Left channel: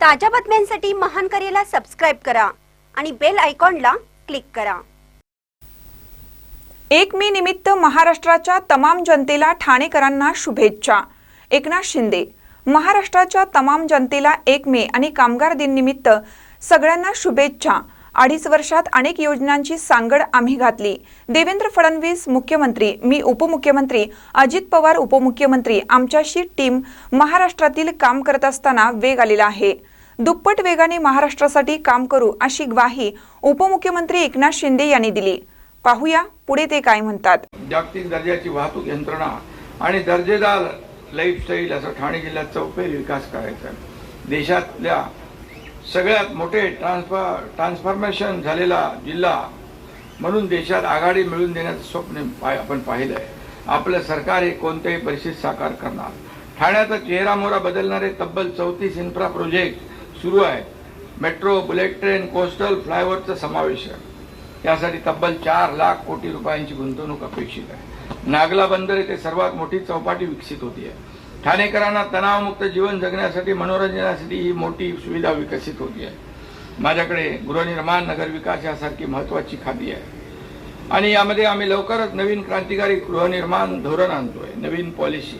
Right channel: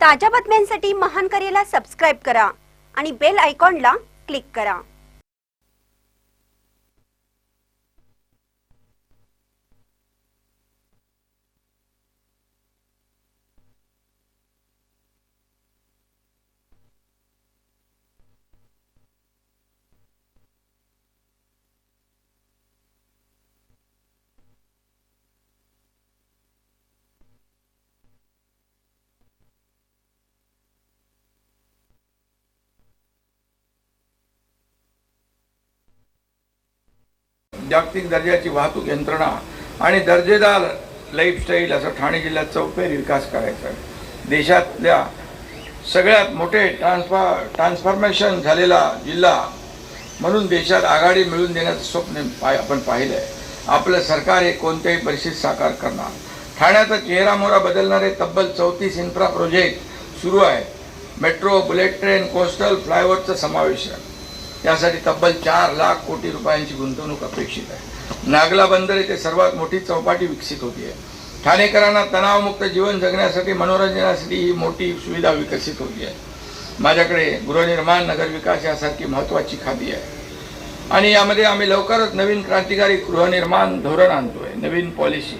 ताज्या बातम्यांसाठी महान करेला सबस्क्राईब करा आणि बेल आयकॉनला क्लिक करा. एक मे निमित्त महाराष्ट्राच्या तमाम जनतेला ठाणेकरांना शुभेच्छा. एकनाथ शिंदे महाराष्ट्राच्या तमाम जनतेला एक मे आणि कामगार दिन निमित्त सगळ्यांना शुभेच्छा. अडीच वर्षात अनेक योजनांची सांगड आम्ही घातली. देवेंद्र फडणवीस मुख्यमंत्री मी उपमुख्यमंत्री अजित पवार उपमुख्यमंत्री आमच्याशी टीम महाराष्ट्रातील काम करत असताना वेग आलेला आहे. दुप्पट वेगाने महाराष्ट्रासाठी काम करू अशी ग्वाही उपमुख्यमंत्री एकनाथ शिंदे यांनी दिली. पाहूया पुढे ते काय म्हणतात. जागतिक दर्जाची वाहतूक यंत्रणा आणि दर्जेदार लाईफस्टाईल असं ठाणे जिल्ह्यात चौफेर विकास करायचा. आहे देशातल्या सगळ्यात मोठे ट्रान्सफॉ ट्रान्सफॉर्मेशन झालेला जिल्हा म्हणून देशात आघाडी मिळवून देण्याचं स्वप्न पाय आपण पाहिलं आहे आपलं सरकार हे कोणत्याही परिस्थितीत साकार करणार. ठाण्याचा चेहरामोहरा बदलणारे तब्बल चौतीस इन्फ्रा प्रोजेक्ट सुरू आहे. मेट्रो बुलेट ट्रेन कोस्टल फ्लायओव्हरचं समावेश आहे. यासाठी तब्बल चार लाख कोटी रुपयांची गुंतवणूक अपेक्षित आहे. नागला बंदर येथे सर्वात मोठी चौपाटी विकसित होती आहे. ठाणेकरांना तणावमुक्त जीवन जगण्यासाठी मनोरंजनासाठी ही मोठी सुविधा विकसित होती आहे. माझ्याकडे गृहनिर्माण नगरविकास यासारखी महत्त्वाची खाती आहे. आणि यामध्ये आम्ही लवकरच नवीन क्रांतिकारी गृहनिर्माण धोरण आणतोय. नवीन पॉलिसी.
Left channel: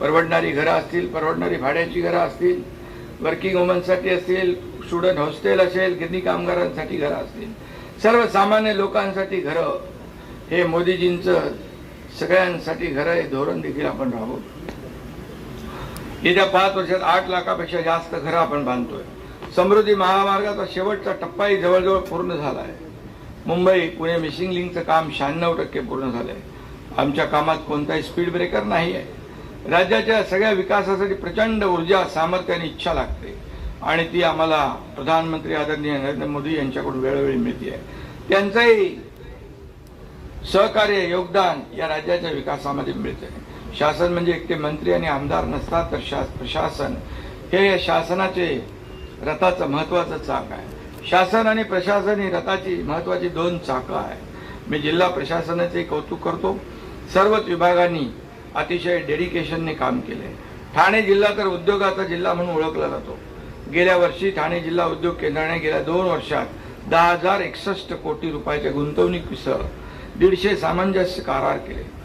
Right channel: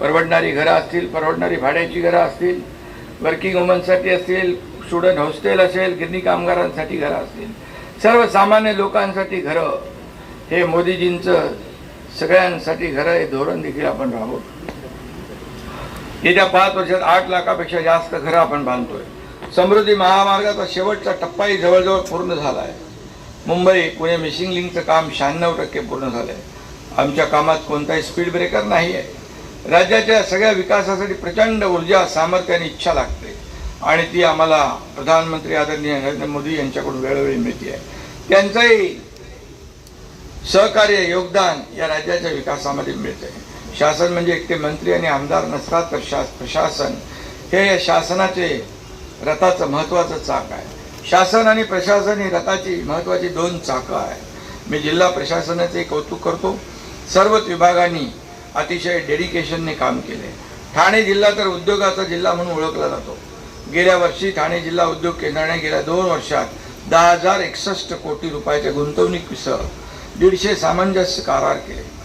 परवडणारी घरं असतील परवडणारी भाड्याची घरं असतील वर्किंग वुमनसाठी असतील स्टुडंट हॉस्टेल असेल गिरणी कामगारांसाठी घरं असतील. सर्वसामान्य लोकांसाठी घरं. हे मोदीजींचं सगळ्यांसाठी घरं हे धोरण देखील आपण राहू येत्या पाच वर्षात आठ लाखापेक्षा जास्त घरं आपण बांधतोय. समृद्धी महामार्गाचा शेवटचा टप्पाही जवळजवळ पूर्ण झाला आहे मुंबई पुणे मिसिंग लिंकचं काम शहाण्णव टक्के पूर्ण झालं आहे आमच्या कामात कोणताही स्पीड ब्रेकर नाही आहे राज्याच्या सगळ्या विकासासाठी प्रचंड ऊर्जा सामर्थ्य आणि इच्छा लागते. आणि ती आम्हाला प्रधानमंत्री आदरणीय नरेंद्र मोदी यांच्याकडून वेळोवेळी मिळते. आहे त्यांचंही सहकार्य योगदान या राज्याच्या विकासामध्ये मिळतं. आहे शासन म्हणजे एकटे मंत्री आणि आमदार नसतात तर शा प्रशासन हे या शासनाचे रथाचं महत्त्वाचं चाक आहे. शासन आणि प्रशासन ही रथाची महत्त्वाची दोन चाकं आहेत. मी जिल्हा प्रशासनाचे कौतुक करतो. सर्वच विभागांनी अतिशय डेडिकेशनने काम केले. ठाणे जिल्हा तर उद्योगाचा जिल्हा म्हणून ओळखला जातो. गेल्या वर्षी ठाणे जिल्हा उद्योग केंद्राने गेल्या दोन वर्षात दहा हजार एकसष्ट कोटी रुपयाच्या गुंतवणुकीसह दीडशे सामंजस्य करार केले.